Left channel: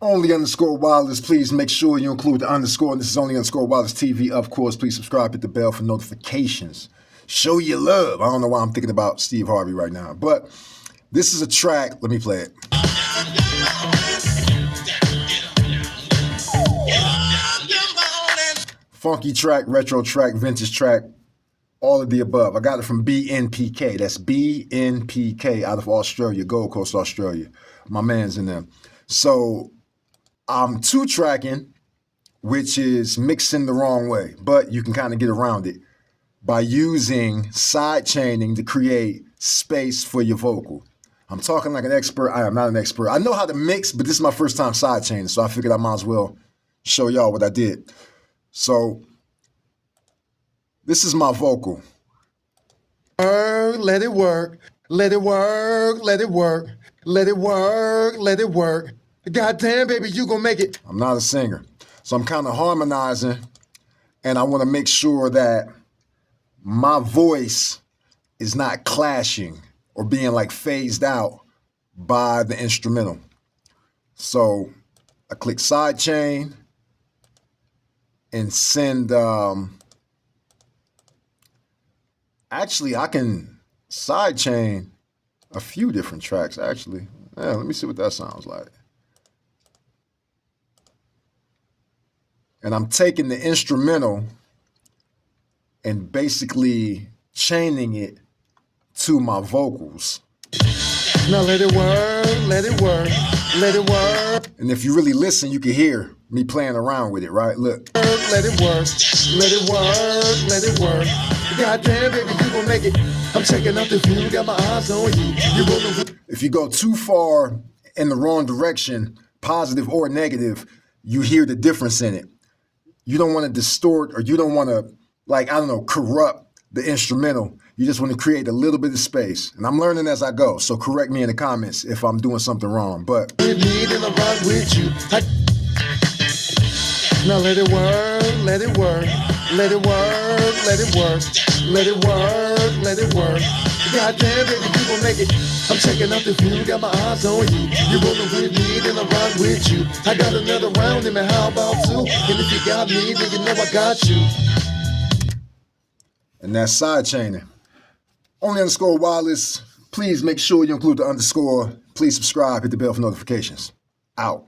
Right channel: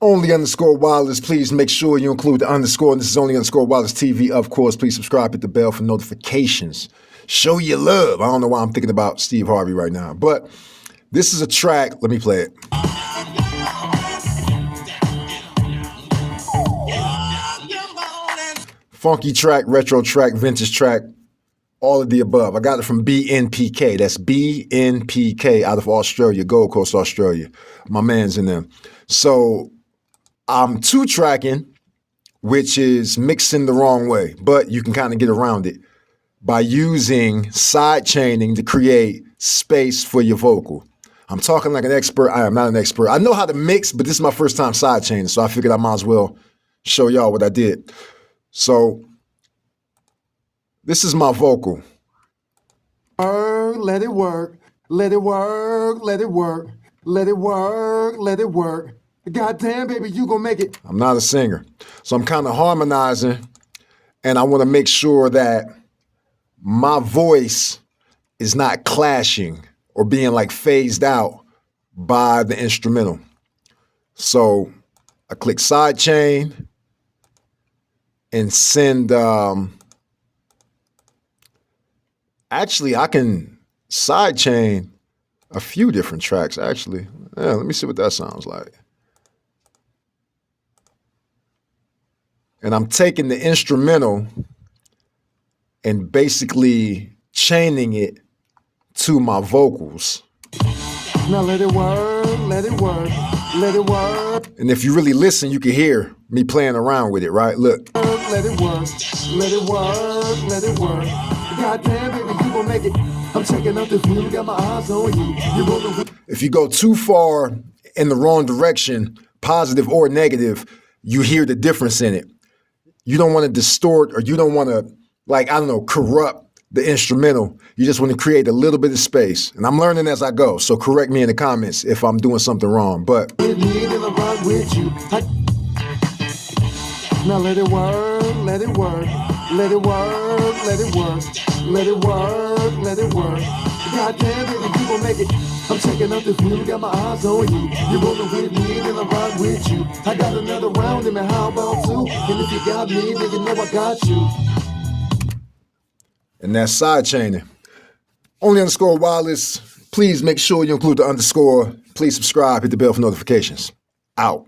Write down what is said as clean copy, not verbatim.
Only underscore wireless. Please make sure you include the underscore. And this is only underscore wireless TV. Of course, please subscribe, hit the bell for notifications. Show your love. I don't know why I'm thinking about Steve Harvey right now, but this is a track. Let me play it. Funky track, retro track, vintage track, all of the above. I got it from BNPK. That's BNPK out of Australia, Gold Coast, Australia. My man's in there. So I'm two-tracking, which is mixing the wrong way, but you can kind of get around it by using side chaining to create space for your vocal. I'm talking like an expert. I am not an expert. I know how to mix, but this is my first time side chaining, so I figured I might as well show y'all what I did. So this is my vocal. Let it work, let it work, let it work, let it work, let it work. Goddamn, baby, you gonna make it. I'm not a singer, so I'm kind of harmonizing, and I want to make sure that my voice is not clashing or being like phased out by the instrumental. So I click side chain and send, actually I can side chain a few different tracks actually. Yeah, let me see what that sounds like. And I'm taking the instrumental and basically chaining it to my vocals. Now let it work, let it work, let it work. And if you really listen, you can hear me playing around with it, right? Look. Let it work, let it work, let it work. Goddamn, baby, you gon' make it. I'm checking out the view, got my eyes on you. If you go too far in the wrong direction, positive or negative, you hear the difference in it. You don't want to distort or you don't want to, like, I don't know, corrupt the instrumental. You just want to create a little bit of space. And I'm learning as I go, so correct me in the comments if I'm doing something wrong. But with me, then I ride with you. Now let it work, let it work, let it work, let it work, let it work, let it work. Goddamn, baby, you gon' make it. I'm checking out the view, got my eyes on you. You rolling with me, then I ride with you. I got another round in me, how about two? And if you got me, then you know I got you. And that's side chaining. Only underscore wireless. Please make sure you include the underscore. Please subscribe, hit the bell for notifications. Out.